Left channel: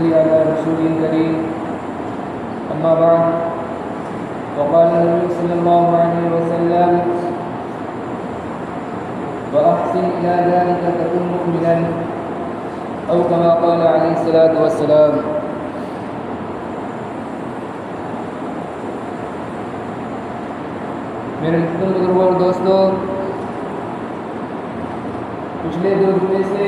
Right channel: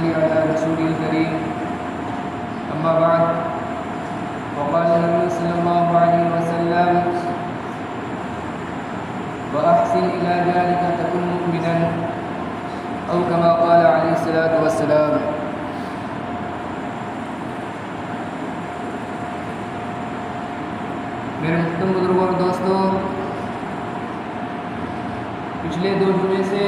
صل على رسول الكريم أما بعد وقال النبي صلى الله عليه وسلم وأحسن إلى ذلك تكن مؤمنا أو كما قال عليه الصلاة والسلام. میرے محترم بزرگوں اور دوستوں، پچھلے 2 جمعے سے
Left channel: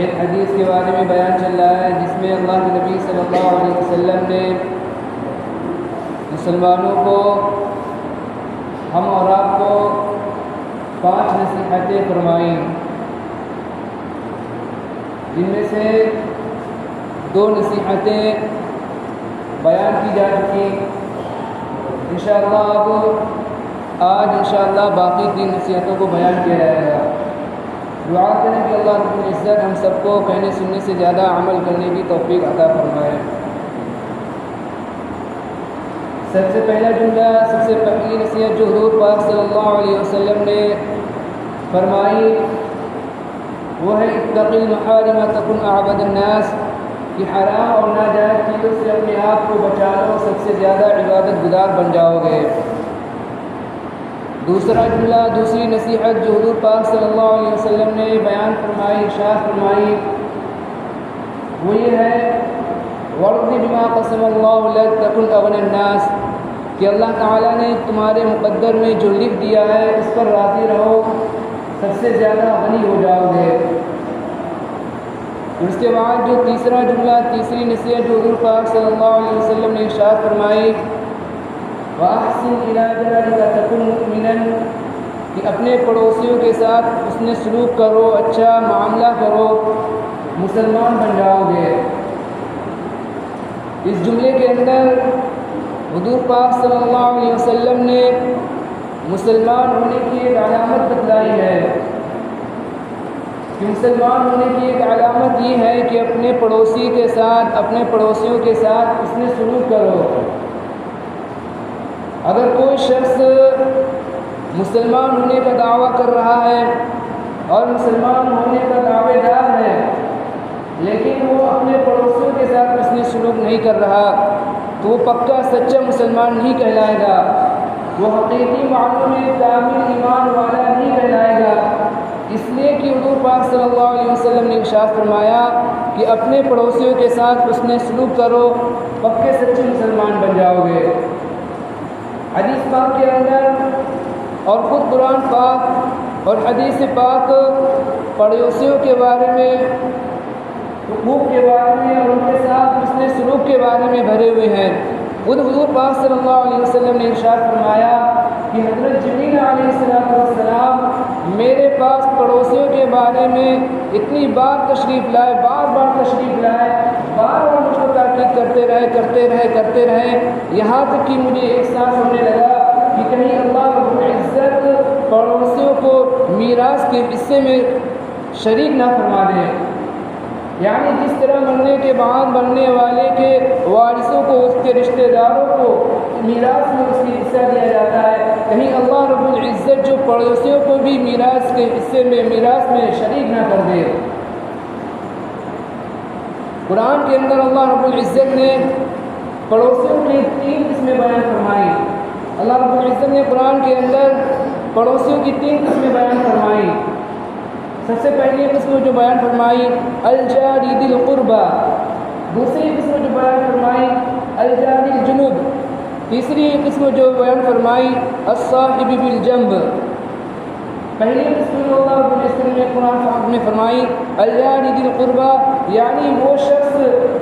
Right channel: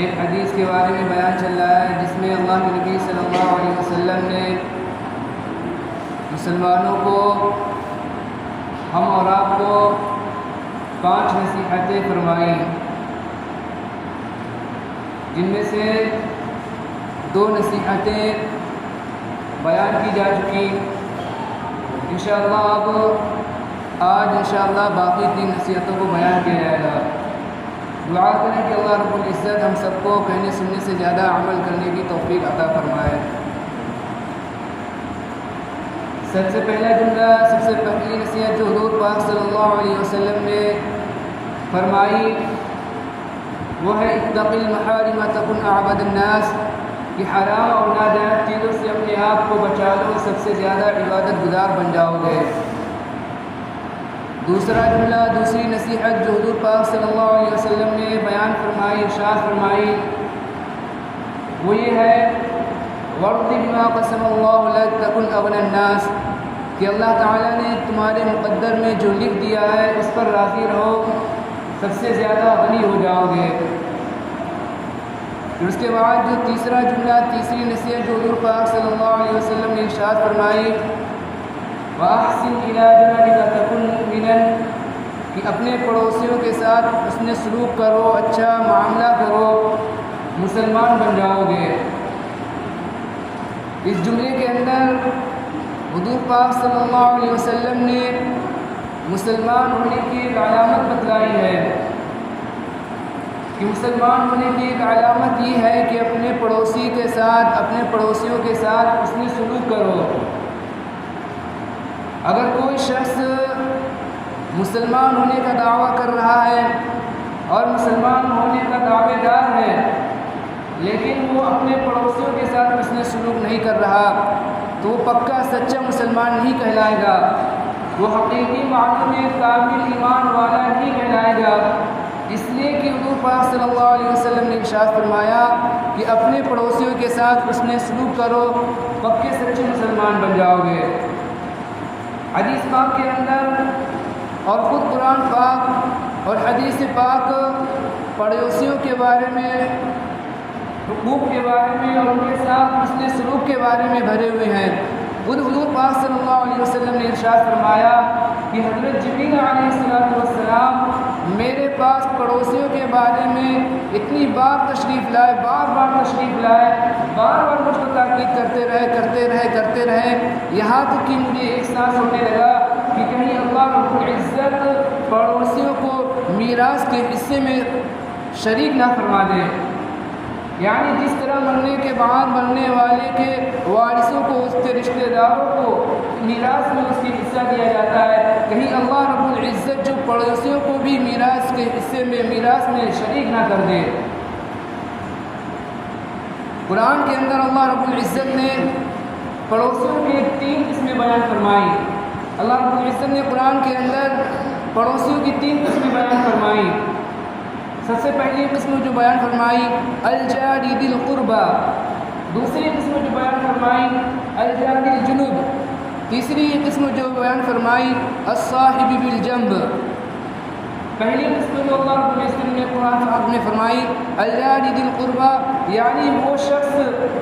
ایک حدیث کے بارے میں بیان چل رہا ہے جس میں اللہ کے نبی صلی اللہ علیہ وسلم نے مسلمانوں کو، ہم اور آپ کو 5 نصیحتیں فرمائیں، جن میں سے 2 نصیحتیں بیان کی جا چکی. انشاءاللہ اب آج انشاءاللہ باقی 3 نصیحتوں کو بیان کیا جائے گا. دعا کریں کہ اللہ رب العزت ہم سب کو کہنے سننے سے زیادہ عمل کرنے کی توفیق عطا فرمائے. سب سے پہلا جملہ، سب سے پہلی نصیحت جو حضور پاک صلی اللہ علیہ وسلم نے فرمائی وہ ہے اتق المحارم تکن اعبد الناس، کہ حرام اور ناجائز چیزوں سے اپنے آپ کو بچا لو، سب سے زیادہ عبادت گزار بن جاؤ گے. دوسرا جملہ، دوسری نصیحت جو حضور پاک صلی اللہ علیہ وسلم نے بیان فرمائی، ارشاد فرمائی، وہ یہ ہے وَارْضِ بِمَا قَسَمَ اللَّهُ لَكَ تَكُنْ أَغْنَى النَّاسِ، کہ اللہ تعالیٰ نے تمہارے مقدر میں جو لکھ دیا ہے اس پر راضی رہو، سب سے زیادہ غنی ہو جاؤ گے. اور اس کے بعد جو تیسرا جملہ، تیسری نصیحت جو حضور پاک صلی اللہ علیہ وسلم نے ارشاد فرمائی وَأَحْسِنْ إِلَىٰ جَارِكَ تَكُنْ مُؤْمِنًا، کہ اپنے پڑوسیوں کے ساتھ حسن سلوک کرو، اچھا معاملہ کرو، مسلمان بن جاؤ گے. اس جملے کے اندر حضور پاک صلی اللہ علیہ وسلم نے مسلمان ہونے کی ایک علامت بتلائی ہے کہ مسلمان ہونے کی ایک علامت یہ ہے کہ اپنے پڑوسی کے ساتھ، اپنے پڑوسیوں کے ساتھ حسن سلوک کرو. اگر کوئی شخص مسلمان ہونے کا دعویٰ کر رہا ہے اور مسلمان ہونے کا دعوے دار ہے لیکن وہ اپنے پڑوسیوں کے ساتھ حسن سلوک نہیں کر رہا تو وہ پکا سچا مسلمان نہیں کہلائے گا، وہ حقیقی معنوں میں کامل ایمان والا نہیں کہلائے گا. اس لیے کہ حضور پاک صلی اللہ علیہ وسلم نے ارشاد فرمایا کہ اپنے پڑوسیوں کے ساتھ حسن سلوک کرو، پکے سچے مسلمان بن جاؤ گے. حدیث پاک کے اندر اور خود قرآن پاک اور حدیث پاک پڑوسیوں کے بارے میں، حقوق کے بارے میں اور ان کے ساتھ حسن سلوک کے بارے میں بھرے ہوئے ہیں. خود حضور پاک صلی اللہ علیہ وسلم نے ارشاد فرمایا کہ حضرت جبریل علیہ السلام میرے پاس پڑوسیوں کے بارے میں اتنی بار تشریف لائے، بار تشریف لائے، بار مجھ کو تاکید کرتے رہے یہاں تک کہ مجھے احساس ہونے لگا کہ کہیں اللہ رب العزت پڑوسیوں کو میراث کے حصے میں شریک نہ فرما دے. یعنی جس طرح مرنے کے بعد مرنے والے کے وارثوں کو، اس کے رشتہ داروں کو میراث میں اس کی حصہ دیا جاتا ہے، کہیں اللہ رب العزت جو پڑوسیوں کو بھی میراث کے حصے میں، میراث میں شریک نہ کر دے. قرآن کے اندر اللہ رب العزت نے پڑوسیوں کی 3 قسمیں بیان فرمائی. اللہ رب العزت نے قرآن کے اندر پڑوسیوں کی 3 قسمیں بیان فرمائی. سب سے پہلی قسم جو بیان فرمائی الجار ذی القربى، دوسری قسم جو بیان فرمائی الجار الجنب، تیسری قسم جو بیان فرمائی الصاحب بالجنب. پہلی قسم جو اللہ رب العزت نے قرآن پاک میں فرمائی الجار ذی القربى، یعنی وہ شخص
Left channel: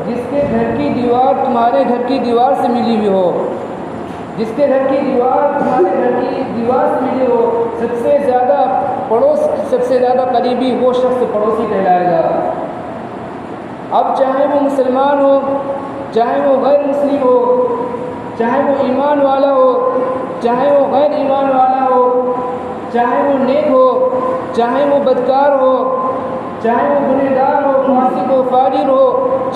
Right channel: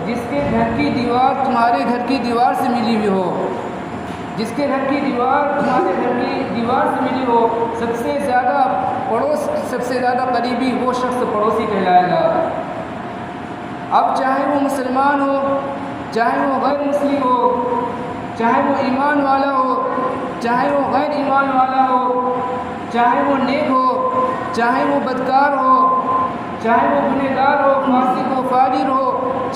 جس کے گھر کی دیوار تمہارے گھر کی دیوار سے ملی ہوئی ہو، جس کے گھر کی دیوار تمہارے گھر کی دیوار سے ملی ہو، سب سے زیادہ پڑوس، سب سے زیادہ قریبی وہ شخص پڑوسی کہلائے گا. اب چاہے وہ مسلمان ہو، چاہے وہ غیر مسلم ہو، چاہے وہ ایمان والا ہو، چاہے وہ غیر ایمان والا ہو، چاہے وہ نیک ہو، چاہے وہ بدکار ہو، چاہے وہ گنہگار ہو، فاسق ہو، فاجر ہو،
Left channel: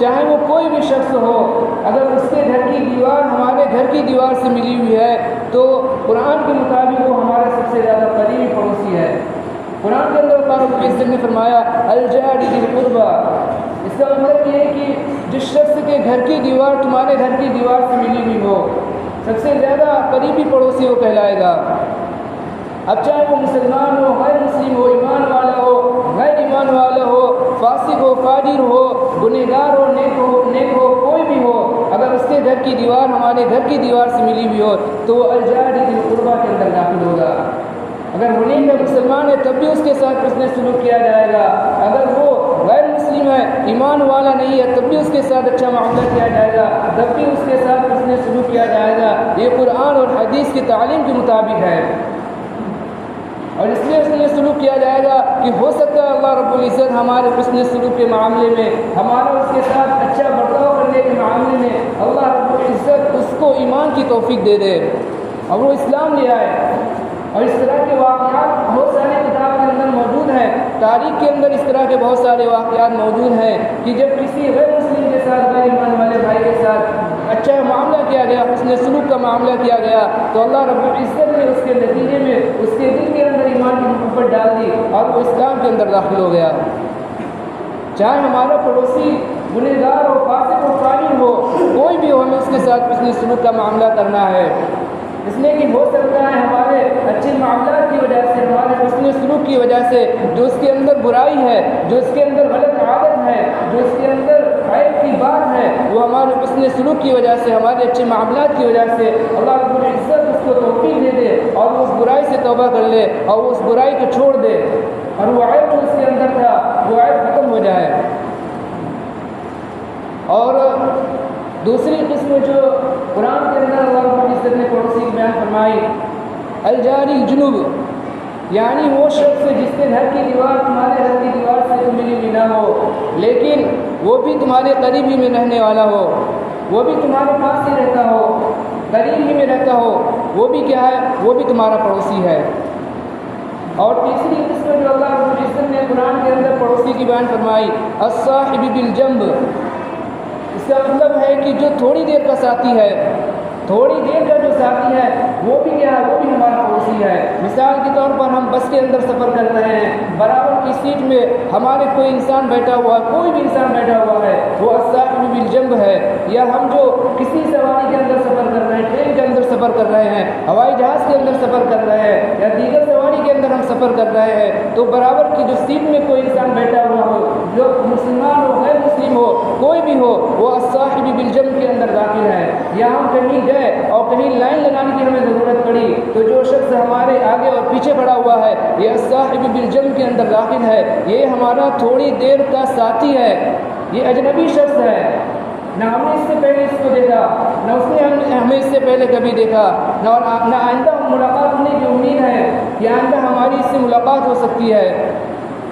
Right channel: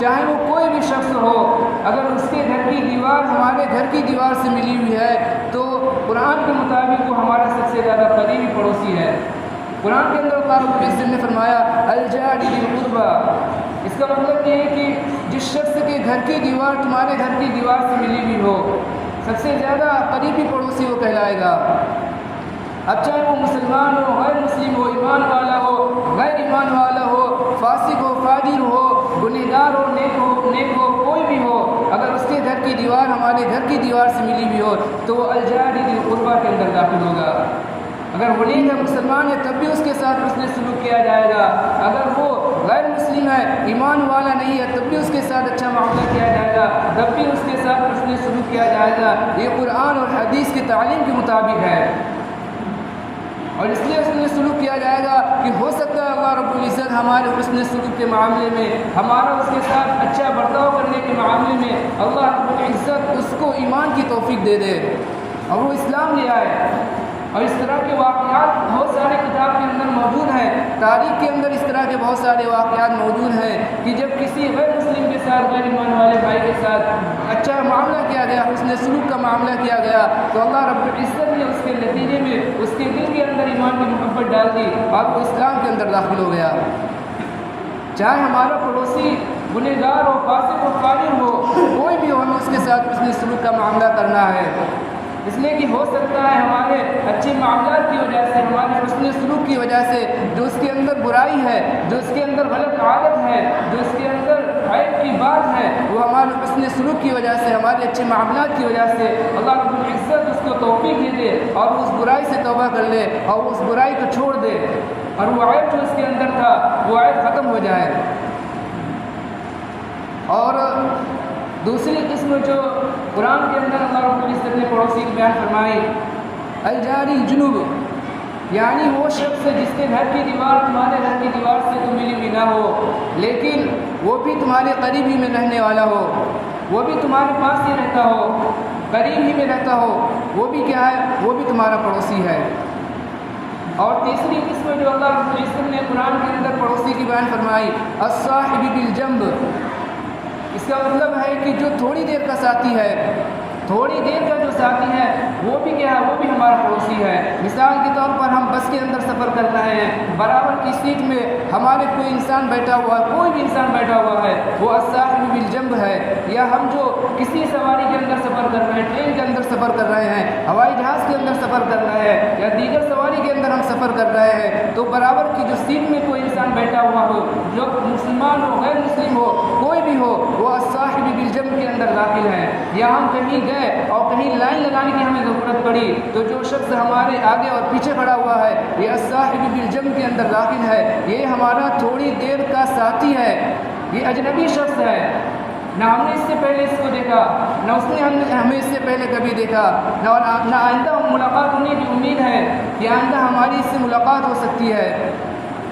چاہے وہ کوئی بھی شخص ہو، اگر اس کے گھر کی دیوار ہمارے گھر کی دیوار سے ملی ہوئی ہے تو قرآن کے مطابق وہ ہمارا سب سے زیادہ قریبی پڑوسی ہے. قرآن کے اندر اللہ رب العزت نے فرمایا الجار ذی القربى، اس کا مطلب یہ ہے کہ جس شخص کے گھر کی دیوار تمہارے گھر کی دیوار سے ملی ہوئی ہو، سب سے زیادہ قریبی پڑوسی وہ کہلائے گا۔ اب چاہے وہ مسلمان ہو، غیر مسلم ہو، ایمان والا ہو، غیر ایمان والا ہو، فاسق ہو، فاجر ہو، گنہگار ہو، نیک ہو، کوئی بھی ہو، اگر اس کے گھر کی دیوار ہمارے گھر کی دیوار سے ملی ہوئی ہو تو وہ الجار ذی القربہ کے اندر داخل ہوگا۔ اگر وہ نیک ہے، مسلمان ہے، تب بھی اس کے ساتھ حسن سلوک کیا جائے گا۔ اگر وہ غیر مسلم ہے، ایمان والا نہیں ہے، تب بھی اس کے ساتھ اچھا معاملہ کیا جائے گا، تب بھی اس کے ساتھ حسن سلوک کیا جائے گا۔ یہ قرآن اور حدیث کی تعلیم کے مطابق ہے، اور اس لیے حسن سلوک کیا جائے گا کہ ہو سکتا ہے اللہ رب العزت ہمارے حسن سلوک کے معاملے میں، ہمارا اس کے ساتھ اچھا برتاؤ کرنے کے معاملے میں اللہ رب العزت اس کو ایمان کی توفیق دے دے اور وہ اسلام لے آئے۔ اور اس طرح کے واقعات بہت سارے کتاب کے اندر موجود ہیں، تاریخ کے اندر اس طرح کے بہت سارے واقعات موجود ہیں کہ جب کسی غیر مسلم کے ساتھ، غیر ایمان والے بھائی کے ساتھ اچھا معاملہ کیا گیا، حسن سلوک کا معاملہ کیا گیا، تو اللہ رب العزت نے اس کے نتیجے میں اس کے دل کے اندر ایمان کی محبت ڈال دی اور وہ اسلام کے اندر داخل ہو گیا۔ چاہے ہمارا پڑوسی گنہگار ہو، فاسق ہو، فاجر ہو، کوئی بھی ہو، ہمیں اس کے ساتھ حسن سلوک کا معاملہ کرنا ہے، اس لیے کہ ہو سکتا ہے ہمارے اچھے معاملات کی وجہ سے، ہمارے حسن سلوک کی وجہ سے جو اس کے اندر برائی ہے، جو اس کے اندر غلط عادت ہے، جو اس کے اندر عیب کی بات ہے، وہ ہمارے حسن سلوک کی وجہ سے، ہمارے اچھے معاملات کی وجہ سے اللہ رب العزت اس کو توفیق دے دے اور وہ اس برائی سے توبہ کر لے اور وہ اس برائی کو چھوڑ دے اور وہ عیب جو اس کے اندر تھا وہ عیب ختم ہو جائے۔ اور دوسری قسم جو قرآن کے اندر اللہ رب العزت نے پڑوسی کی بیان فرمائی، الجاری الجنوب، یعنی وہ شخص جس کے گھر کی دیوار تمہارے گھر کی دیوار سے تو ملی ہوئی نہ ہو لیکن وہ بھی تمہارے قریب ہی میں رہنے والا ہو، وہ بھی تمہارے پاس ہی رہتا ہو، قریب ہی میں رہتا ہو، وہ بھی کیا ہے، وہ بھی تمہارا پڑوسی ہے۔ اور تیسری قسم جو اللہ رب العزت نے قرآن کے اندر پڑوسی کی بیان فرمائی، الصاحب بالجنب، اس کا مطلب ہے کہ جو تھوڑی دیر کا ساتھی ہے، تھوڑی دیر کا جو ساتھی ہے وہ بھی کیا ہے، وہ بھی ہمارا پڑوسی ہے۔ مثال کے طور پر ہم بس کے اندر سفر کر رہے ہیں، برابر کی سیٹ میں ہمارے کوئی انسان بیٹھا ہوا ہے، کوئی بھی انسان بیٹھا ہوا ہے، وہ الصاحب بالجنب ہے۔ یا ہم جو کسی سواری کے اندر سفر کر رہے ہیں، ٹرین کے اندر سفر کر رہے ہیں، ہوائی جہاز کے اندر سفر کر رہے ہیں یا دیگر سواری کے اندر ہم سفر کر رہے ہیں، تو برابر کی جو سیٹ میں کوئی انسان بیٹھا ہوا ہو، جو مسلمان ہو، غیر مسلم ہو، کوئی بھی ہو، وہ الصاحب بالجنب کے اندر داخل ہے۔ یا ہم کہیں گئے اور کہیں لائن لگانے کی ہمیں ضرورت پڑی تو جو شخص ہمارے آگے اور پیچھے کھڑا ہوا ہے یہ الصاحب بالجنب کے اندر داخل ہے، یہ ہمارا تھوڑی دیر کا ساتھی ہے، یہ اجنبی شخص ہے، نہ ہم نے اس سے پہلے اس کو دیکھا، نہ اس نے ہمیں اس سے پہلے کبھی دیکھا، نہ آئندہ ملاقات ہونے کی امید ہے کہ آئندہ ہماری اس سے ملاقات ہو سکتی ہے،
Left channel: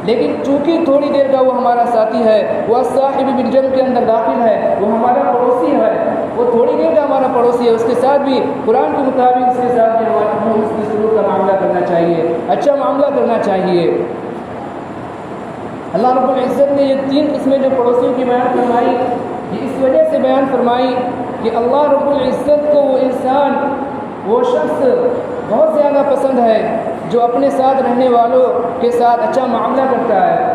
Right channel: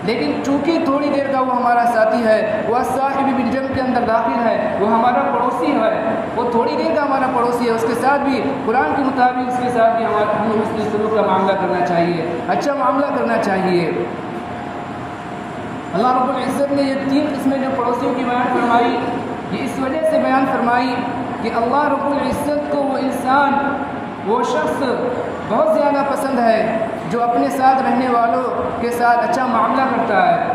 لیکن چونکہ تھوڑی دیر کا وہ ہمارا ساتھی ہے، وہ الصاحب بالجنب کے اندر داخل ہے، وہ ہمارا پڑوسی ہے، وہ تھوڑی دیر کا ہمارا پڑوسی ہے، اس کے ساتھ بھی قرآن کے مطابق اس کے ساتھ بھی ہمیں حسن سلوک کا معاملہ کرنا چاہیے، اچھا معاملہ کرنا چاہیے۔ اللہ رب العزت نے یہ تین قسمیں جو پڑوسیوں کی بیان فرمائی، یہ اس وجہ سے بیان فرمائی کہ اللہ رب العزت کو وہ انسان، وہ شخص بہت زیادہ پسند ہے جو اپنے ساتھ رہنے والوں کے ساتھ اچھا معاملہ کرتا ہے،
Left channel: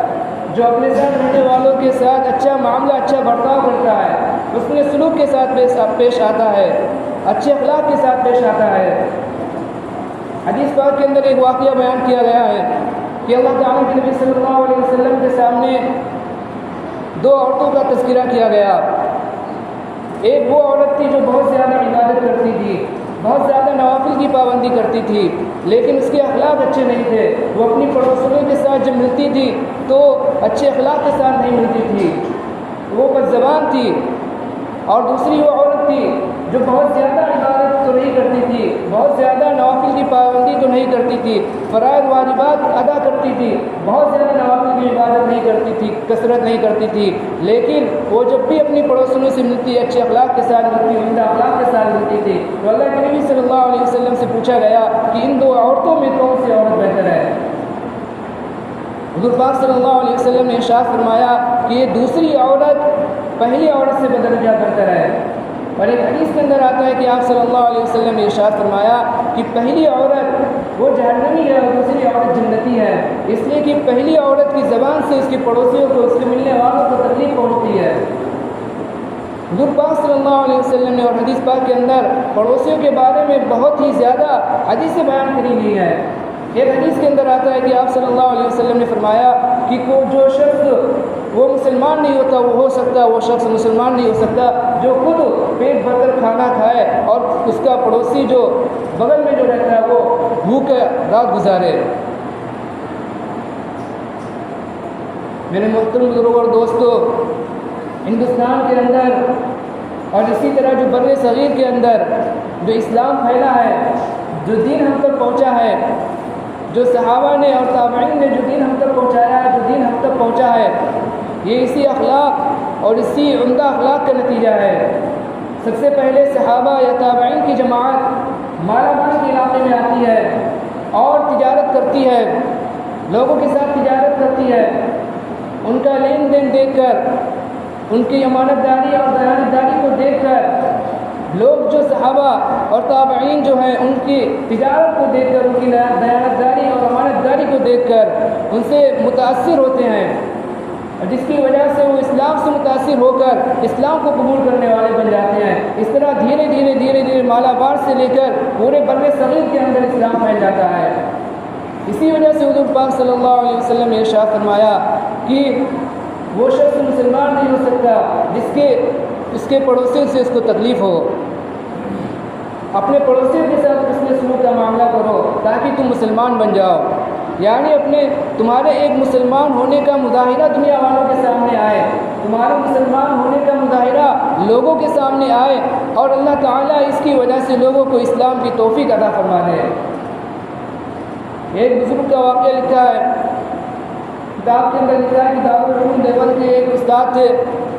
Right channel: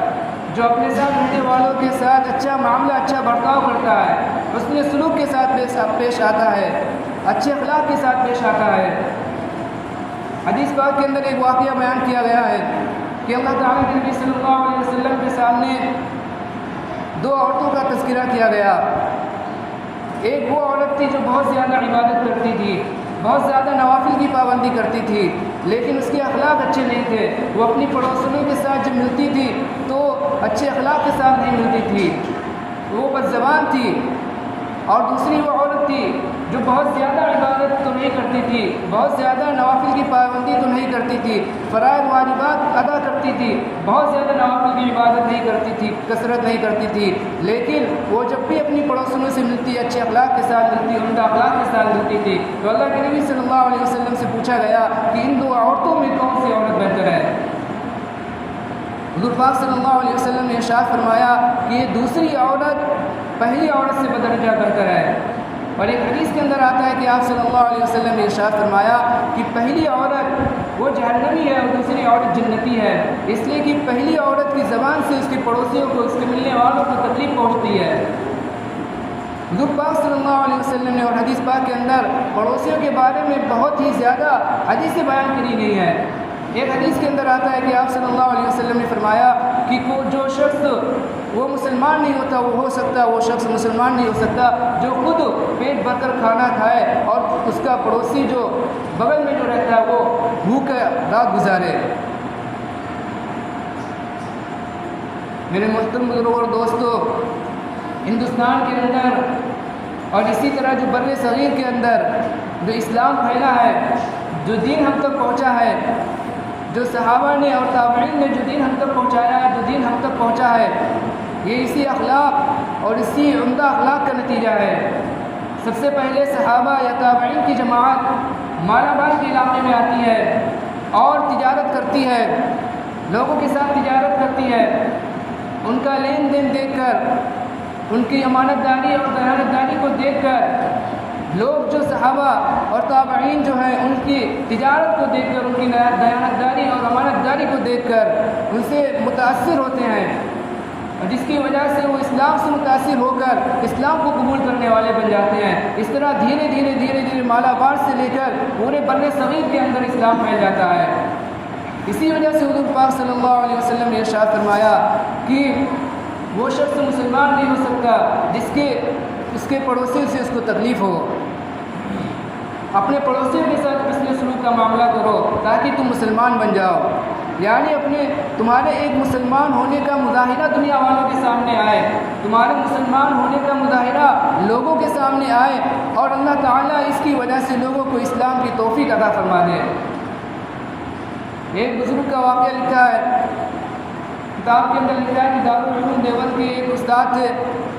جو اپنے ساتھ رہنے والوں کے ساتھ اچھا معاملہ، اچھا برتاؤ کرتا ہے، حسن سلوک کے ساتھ پیش آتا ہے، اچھے اخلاق کے ساتھ پیش آتا ہے۔ حدیث پاک کے اندر ایک واقعہ بیان کیا گیا ہے کہ اللہ تعالیٰ کے نبی صلی اللہ علیہ وسلم کے سامنے دو عورتوں کا تذکرہ کیا گیا۔ ایک وہ عورت تھی جو بہت زیادہ عبادت کرتی تھی، بہت زیادہ نوافل کی پابندی کرتی تھی، لیکن اس کے اخلاق اچھے نہیں تھے، وہ اپنی پڑوسیوں کے ساتھ جب ملتی تھی تو اچھے اخلاق کے ساتھ نہیں ملتی تھی، وہ بد زبان تھی۔ اور دوسری وہ عورت تھی جو بہت زیادہ عبادت تو نہیں کرتی تھی، بہت زیادہ نوافل کی پابندی تو نہیں کرتی تھی، فرائض واجبات ادا کرتی تھی، بہت زیادہ نوافل کی عبادت نہیں کرتی تھی، کثرت نہیں کرتی تھی، لیکن وہ جب بھی اپنی پڑوسیوں سے ملتی، اچھے اخلاق کے ساتھ ملتی، عمدہ اخلاق کے ساتھ ملتی تھی، تو اللہ کے نبی صلی اللہ علیہ وسلم سے پوچھا گیا کہ ان دو عورتوں میں کون سی عورت بہتر ہے؟ حضور پاک صلی اللہ علیہ وسلم نے ارشاد فرمایا کہ یہ دوسری عورت پہلی عورت سے بدرجہ بہتر ہے۔ اور ایک حدیث کے اندر آتا ہے کہ آپ صلی اللہ علیہ وسلم نے ارشاد فرمایا کہ پہلی عورت وہ جہنمی ہے اور دوسری عورت جنتی ہے، اس لیے کہ پہلی عورت کی زبان سے اس کے پڑوسیوں کو، اس کے ملنے والوں کو تکلیف پہنچتی ہے، حضور پاک صلی اللہ علیہ وسلم نے اور حدیث پاک کے اندر پڑوسیوں کے بارے میں بہت ہی زیادہ حدیثیں بیان کری گئی ہیں۔ ایک حدیث کے اندر آتا ہے کہ آپ صلی اللہ علیہ وسلم نے فرمایا کہ جو شخص وہ مسلمان نہیں ہوتا وہ ہو سکتا، وہ شخص مسلمان نہیں ہو سکتا جو خود پیٹ بھر کر کھانا کھائے اور اس کا پڑوسی جو بغل میں جو رہتا ہے وہ بھوکا رات گزارے۔ میرے محترم بزرگوں اور دوستو، ہندوستان کے اندر اور اسی طرح جو بر صغیر کے اندر جو اسلام پھیلا ہے، جو دین ہم تک پہنچا ہے، جو صحابہ نے اور تابعین نے جو دین ہم تک پہنچایا ہے، جو دین ہم تک پہنچا ہے، یہ اسی اخلاق اور اسی عمدہ اخلاق کا نتیجہ ہے۔ سب سے پہلے صحابہ یا تابعین کی جماعت مالابار کے علاقے میں آتی ہے اور تجارت کرتی ہے، لوگوں کے ساتھ تجارت کرتی ہے۔ ان کا لین دین دیکھ کر، ان کی امانت داری اور دیانت داری کو دیکھ کر لوگ جو صحابہ اور تابعین جو ہیں ان کی تجارت کو دیکھ کر، ان کی دیانت داری اور امانت داری کو دیکھ کر ان سے متاثر ہوتے ہیں، جس کی وجہ سے وہ اسلام سے متاثر ہو کر اسلام کو قبول کرنے والے بن جاتے ہیں۔ اس طرح دھیرے دھیرے مالابار سے لے کر پورے بر صغیر کے اندر اسلام پھیل جاتا ہے۔ اسی وجہ سے حضور پاک صلی اللہ علیہ وسلم نے ارشاد فرمایا کہ وہ شخص مسلمان نہیں ہو سکتا اس کے پڑوسیوں سے اس کو تکلیف ہو۔ اپنے پڑوسیوں کے ساتھ حسن سلوک کا معاملہ کرو تاکہ تم مسلمان بن جاؤ، یعنی تمہارے ایک مسلمان ہونے کا مظاہرہ دنیا والوں کے سامنے آئے، تمہارے مسلمان ہونے کا مظاہرہ لوگوں کے سامنے آئے اور اللہ تعالیٰ اس کی وجہ سے لوگوں کو اسلام کی توفیق عطا فرما دے۔ ایک بزرگ کا واقعہ لکھا ہے، کتاب کے اندر لکھا ہے کہ دارالعلوم دیوبند کے ایک استاد تھے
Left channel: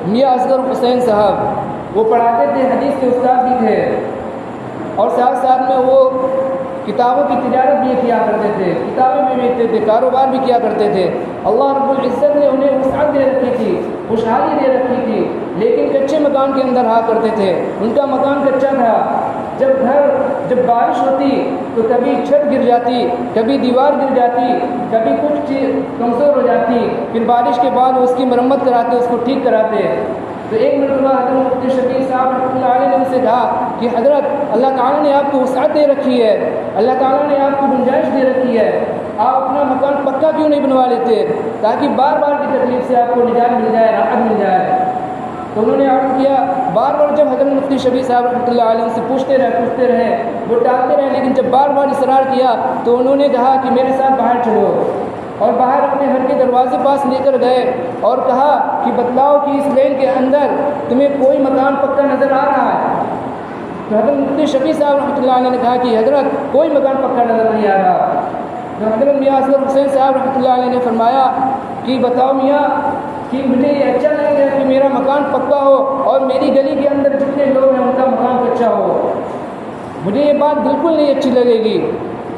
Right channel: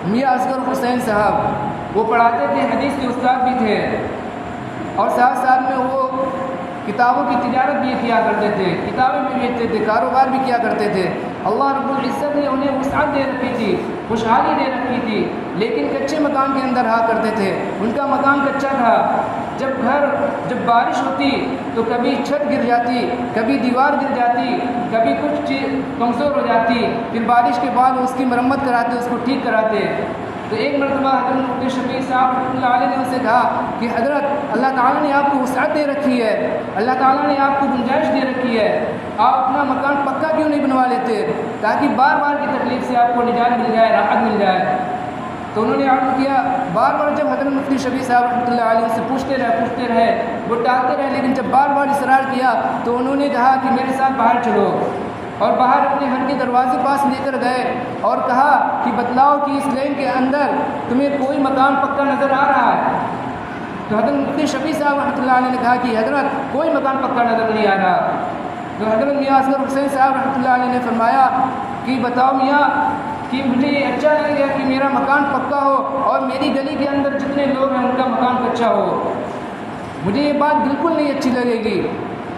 میاں اصغر حسین صاحب، وہ پڑھاتے تھے، حدیث کے استاد بھی تھے اور ساتھ ساتھ میں وہ کتابوں کی تجارت بھی کیا کرتے تھے، کتابیں بھی بیچتے تھے، کاروبار بھی کیا کرتے تھے۔ اللہ رب العزت نے انہیں وسعت دے رکھی تھی، خوشحالی دے رکھی تھی، لیکن کچے مکان کے اندر رہا کرتے تھے۔ ان کا مکان کچا تھا، جب بارش ہوتی تو کبھی چھت گر جاتی، کبھی دیوار گر جاتی، کبھی کچھ چیز کمزور ہو جاتی، پھر بارش کے بعد اس کی مرمت کراتے، اس کو ٹھیک کراتے۔ تو ایک مرتبہ حضرت مفتی شفیع صاحب رحمۃ اللہ علیہ نے ان سے کہا کہ حضرت، اللہ تعالیٰ نے آپ کو وسعت دے رکھی ہے، اللہ تعالیٰ نے آپ کو گنجائش دے رکھی ہے، آپ اپنا مکان پکا کیوں نہیں بنوا لیتے تاکہ بار بار کی تکلیف سے آپ کو نجات مل جائے، راحت مل جائے۔ تو انہوں نے عرض کیا، بار بار جب حضرت مفتی شفیع صاحب رحمۃ اللہ علیہ سے پوچھتے رہے، وہ ٹالتے رہے، لیکن جب بار بار اصرار کیا تو انہوں نے کہا کہ میرے ساتھ باہر چلو، اور باہر اپنے گھر کے دروازے پاس لے کر گئے اور کہا کہ بتلاؤ کہ اس لین کے اندر تمہیں کوئی مکان پکا نظر آ رہا ہے؟ تو حضرت مفتی شفیع صاحب رحمۃ اللہ علیہ نے کہا کہ حضرت کوئی مکان پکا نظر نہیں آ رہا۔ تو حضرت میاں اصغر حسین صاحب رحمۃ اللہ علیہ نے فرمایا کہ بتاؤ میاں کہ مجھے یہ اچھا نہیں لگا کہ میرا مکان پکا ہو اور میری گلی کے اندر جتنے لوگ ہیں ان کا مکان کچا ہو، مجھے یہ بات بالکل نہیں اچھی لگے گی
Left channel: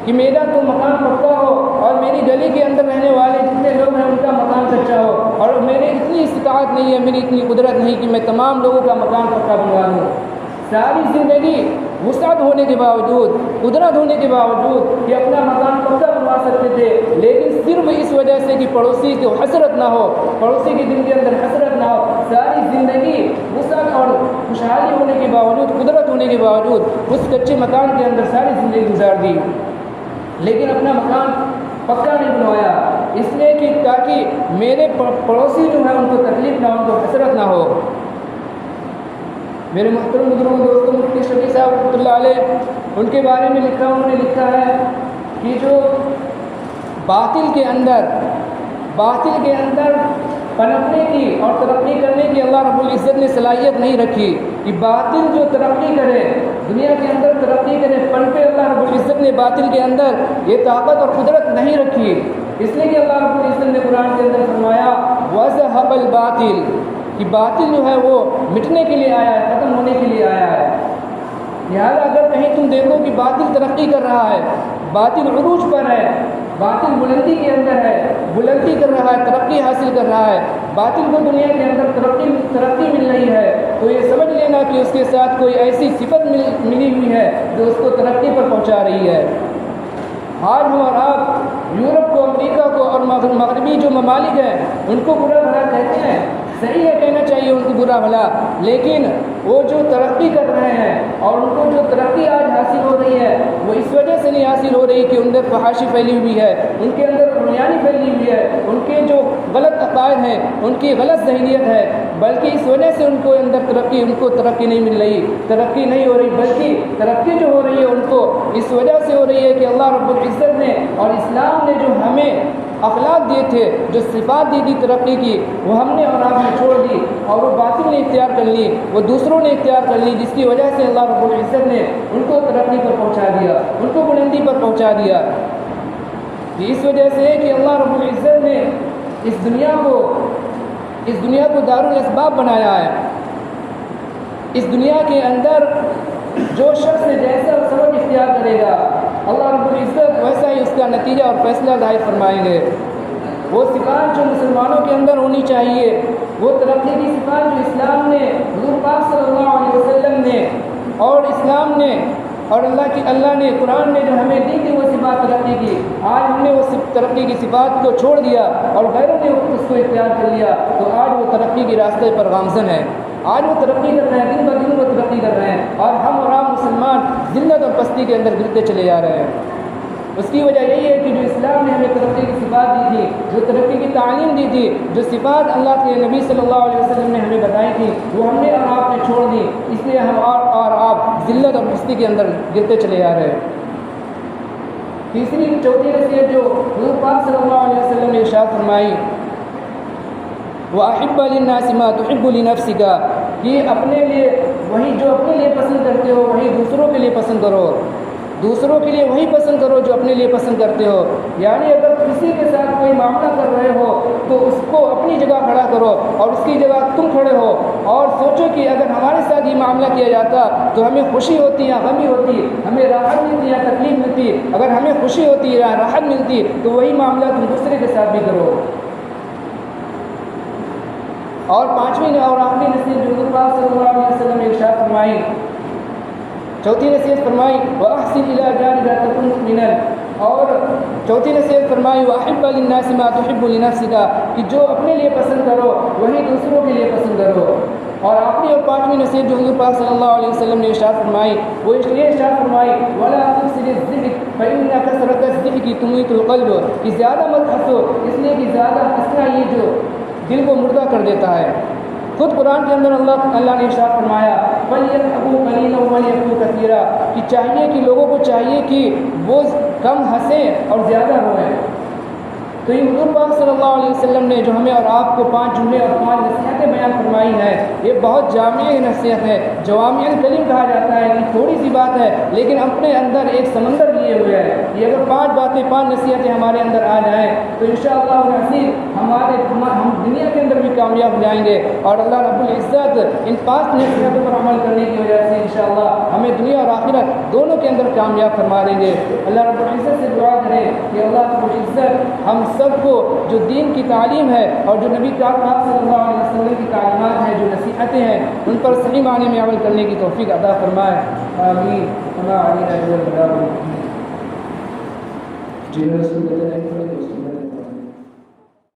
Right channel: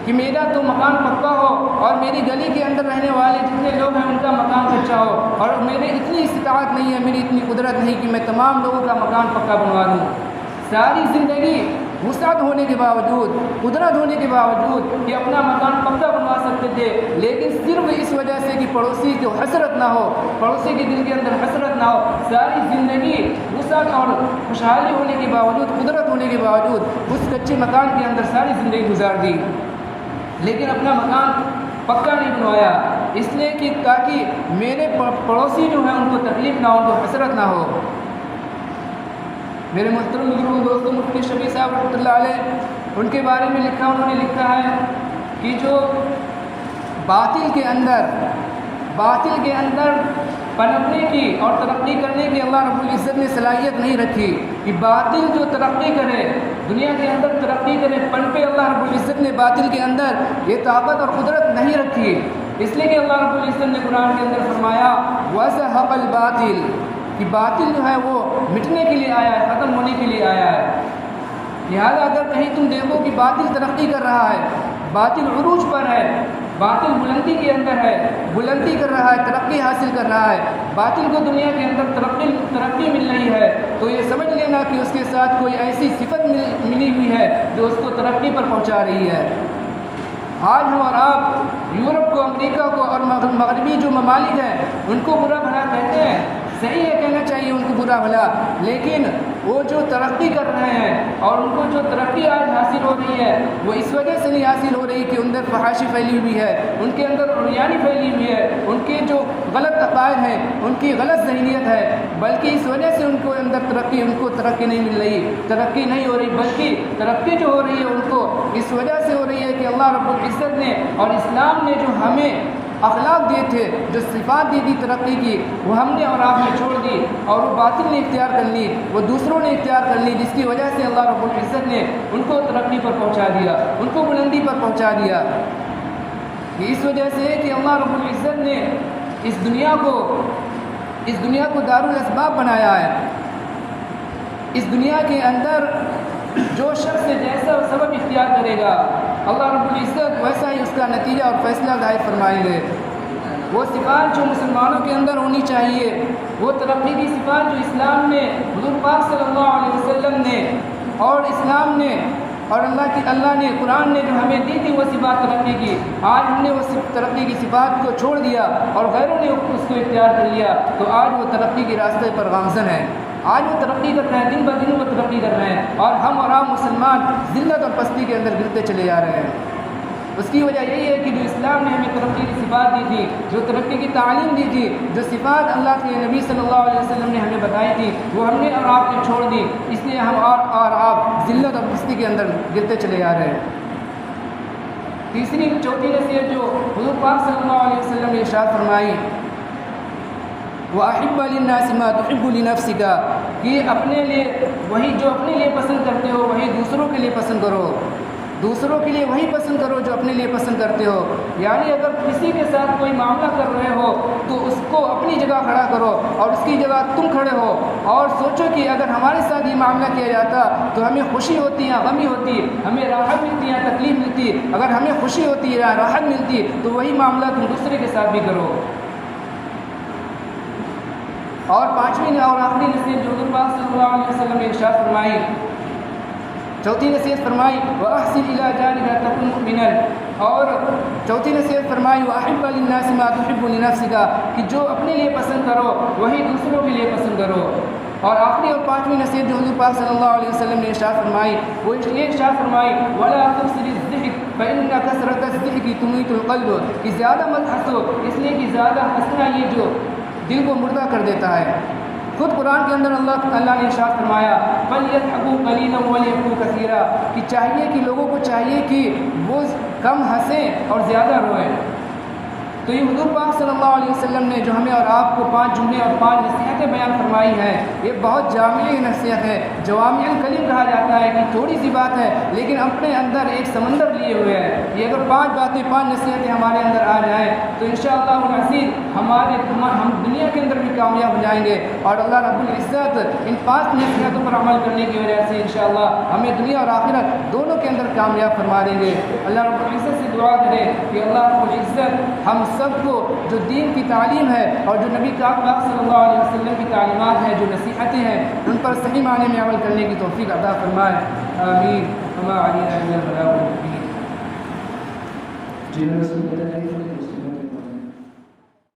کہ میرا تو مکان پکا ہو اور میری گلی کے اندر رہنے والے جتنے لوگ ہیں ان کا مکان کچا ہو، اور میرے اتنی استطاعت نہیں ہے، میری اتنی قدرت نہیں کہ میں تمام لوگوں کا مکان پکا بنوا دوں۔ ساری زندگی وسعت ہونے کے باوجود، قدرت ہونے کے باوجود یہ اپنا مکان پکا بنوا سکتے تھے، لیکن صرف اس وجہ سے کہ پڑوسی کو حسرت نہ ہو، پڑوسی کے دل کے اندر حسرت نہ ہو، ساری زندگی وسعت اور خوشحالی ہونے کے باوجود، قدرت ہونے کے باوجود اس کچے مکان کے اندر ساری زندگی گزار دی، لیکن اپنا مکان پکا نہیں بنوایا، اس لیے کہ تاکہ میرے پڑوسی جو ہیں ان کو تکلیف نہ ہو، ان کو حسرت نہ ہو۔ میرے محترم بزرگوں دوستوں، مفتی شفیع صاحب رحمۃ اللہ علیہ ان کے بارے میں انہوں نے لکھا ہے کہ جو باطل کے اندر پنپنے کی اور ترقی کرنے کی اللہ رب العزت نے صلاحیت نہیں رکھی کہ باطل جو ترقی کرے، دنیا کے اندر ترقی کرے، پنپے، اللہ رب العزت نے باطل کے اندر یہ طاقت اور قدرت نہیں رکھی، اس لیے کہ اللہ رب العزت نے قرآن کے اندر فرمایا وَزَهَقَ الْبَاطِلُ کہ باطل جو ہے وہ مٹنے کے لیے آیا ہے، ختم ہونے کے لیے آیا ہے۔ لہذا اگر کہیں تم دیکھو کہ باطل ترقی کر رہا ہے، باطل عروج پر ہے، باطل بلندی کے اندر ہے، بلندی کر رہا ہے، ترقی حاصل کر رہا ہے، باطل کو دنیا کے اندر ترقی مل رہی ہے، تو یہ سمجھ لینا کہ اس کے ساتھ کوئی ایسی صفت ملی ہوئی ہے جو اس کو ترقی پر پہنچا رہی ہے۔ آج ہم اور آپ یورپ کو، امریکہ کو اور مغربی جو ممالک ہیں ان کو برا بھلا کہتے ہیں، صحیح ہے کہنا چاہیے ان کو برا بھلا، لیکن وہ جو ترقی کر رہے ہیں اور ان کو جو ترقی آج حاصل ہو رہی ہے وہ اس وجہ سے نہیں حاصل ہو رہی کہ ان اندر فحاشی پھیلی ہوئی ہے، ان کے اندر عریانی پھیلی ہوئی ہے، ان کے جو غلط عقائد ہیں، ان کی غلط ذہنیت ہے، بلکہ اس وجہ سے ان کو اندر ترقی نہیں مل رہی، ترقی نہیں ہو رہی، بلکہ ترقی جو ہو رہی ہے ان کو اس وجہ سے ہو رہی ہے کہ اللہ رب العزت نے اور اسلام نے جو ہمیں اخلاق دیے تھے، جو صفات دی تھی ترقی کی، وہ ہم نے اور آپ نے چھوڑ دی اور وہ باطل نے اختیار کر لی، وہ دوسروں نے اختیار کر لی، جس کی وجہ سے اللہ رب العزت نے ان کو ترقی پر پہنچا دیا، ان کو بلندی پر پہنچا دیا۔ اس وجہ سے ہے کہ اللہ رب العزت نے اس دنیا کو دار الاسباب بنایا ہے۔ اس دنیا کے اندر جو شخص جیسا سبب اختیار کرے گا اللہ رب العزت ویسا ہی اس کا نتیجہ اور فیصلہ ظاہر فرمائیں گے۔ وہ صفات جو مسلمانوں کے اندر ہونی چاہیے، وہ ترقی کی صفات جو اسلام نے، حضور پاک صلی اللہ علیہ وسلم نے اور اسلام نے اور اللہ نے قرآن نے جو ہمیں دی تھی وہ صفات ترقی کی، آج ہم نے وہ ترقی کی صفات کو چھوڑ دیا اور غیروں نے اس کو اختیار کر لیا، تو آج وہ ترقی کے راستے پر گامزن ہے، آج وہ ترقی کر رہے ہیں، دن بدن وہ ترقی کر رہے ہیں، اور ہم اور عام مسلمان ذلت اور پستی کے اندر گرتے چلے جا رہے ہیں۔ اس کی وجہ یہی ہے کہ جو اسلام نے ہمیں ترقی کی صفات دی تھی، جو ترقی کی تعلیم دی تھی، جو صفات اللہ کے نبی صلی اللہ علیہ وسلم نے ہمیں بتائی تھی، وہ ہم نے اور آپ نے چھوڑ دی، اس لیے ہم اور آپ ذلت اور پستی کے اندر گرتے چلے جا رہے ہیں۔ چوتھی نصیحت جو حضور پاک صلی اللہ علیہ وسلم نے ارشاد فرمائی، وَأَحِبَّ لِلنَّاسِ مَا تُحِبُّ لِنَفْسِكَ، کہ اپنے لیے وہی جو اپنے لیے پسند کرتے ہو وہی دوسروں کے لیے پسند کرو، دوسروں کے لیے وہی پسند کرو جو اپنے لیے پسند کرتے ہو۔ یعنی اگر کسی کے ساتھ کوئی معاملہ کر رہے ہو تو اس کو اپنی جگہ کھڑا کرو اور اس کی جگہ تم کھڑے ہو، اور سوچو کہ اگر ہمارے ساتھ یہ معاملہ کیا جاتا تو ہمیں خوشی ہوتی یا غمی ہوتی، ہمیں راحت ملتی یا تکلیف ملتی، اگر ہمیں خوشی ہوتی یا راحت ملتی تو وہی معاملہ تم دوسرے کے ساتھ بھی کرو۔ اور پانچویں اور آخری نصیحت جو حضور پاک صلی اللہ علیہ وسلم نے ارشاد فرمائی، چوتھی نصیحت فرمائی وَأَحْسِنْ إِلَىٰ جَارِكَ تَكُنْ مُؤْمِنًا، اور چوتھی نصیحت فرمائی وَأَحِبَّ لِلنَّاسِ مَا تُحِبُّ لِنَفْسِكَ، کہ جو اپنے لیے پسند کرو وہی دوسروں کے لیے پسند کرو۔ اور آخری اور پانچویں نصیحت جو حضور پاک صلی اللہ علیہ وسلم نے ارشاد فرمائی وہ یہ ارشاد فرمائی وَلَا تُكْثِرِ الضِّحْكَ فَإِنَّ كَثْرَةَ الضِّحْكِ تُمِيتُ الْقَلْبَ، کہ زیادہ مت ہنسو، اس لیے کہ زیادہ ہنسنا یہ جو دل کو مردہ کر دیتا ہے۔ خود قرآن کے اندر اللہ نے ارشاد فرمایا فَلْيَضْحَكُوا قَلِيلًا وَلْيَبْكُوا كَثِيرًا، کہ چاہیے کہ لوگوں کو چاہیے کہ وہ کم ہنسیں اور زیادہ روئیں۔ تو یہ حضور پاک صلی اللہ علیہ وسلم نے جو ہمیں اور آپ کو 5 جملے اور 5 نصیحتیں بیان فرمائی ہیں، یہ بہت جامع نصیحت ہے۔ جوامع الکلم کہا جاتا ہے کہ تھوڑی سی بات ہے لیکن اپنے اندر ایک سمندر لیے ہوئے ہے۔ یہ اگر 5 باتیں 5 نصیحتیں ہمارے اندر آ جائیں تو انشاءاللہ العزیز ہم دنیا کے اندر بھی کامیاب ہو جائیں گے، اور اللہ رب العزت ان 5 نصیحتوں پر عمل کرنے کی وجہ سے انشاءاللہ ہمیں دنیا اور آخرت دونوں کے اندر کامیاب فرما دیں گے۔ اللہ رب العزت سے دعا کریں کہ اللہ رب العزت ہم سب کو جو دین کی تعلیم ہے اور جو نبی پاک صلی اللہ علیہ وسلم کی تعلیمات ہیں، جو نصیحتیں ہیں، ان پر صحیح معنی میں عمل کرنے کی توفیق عطا فرمائے۔ آمین۔ وما علینا الا البلاغ المبین۔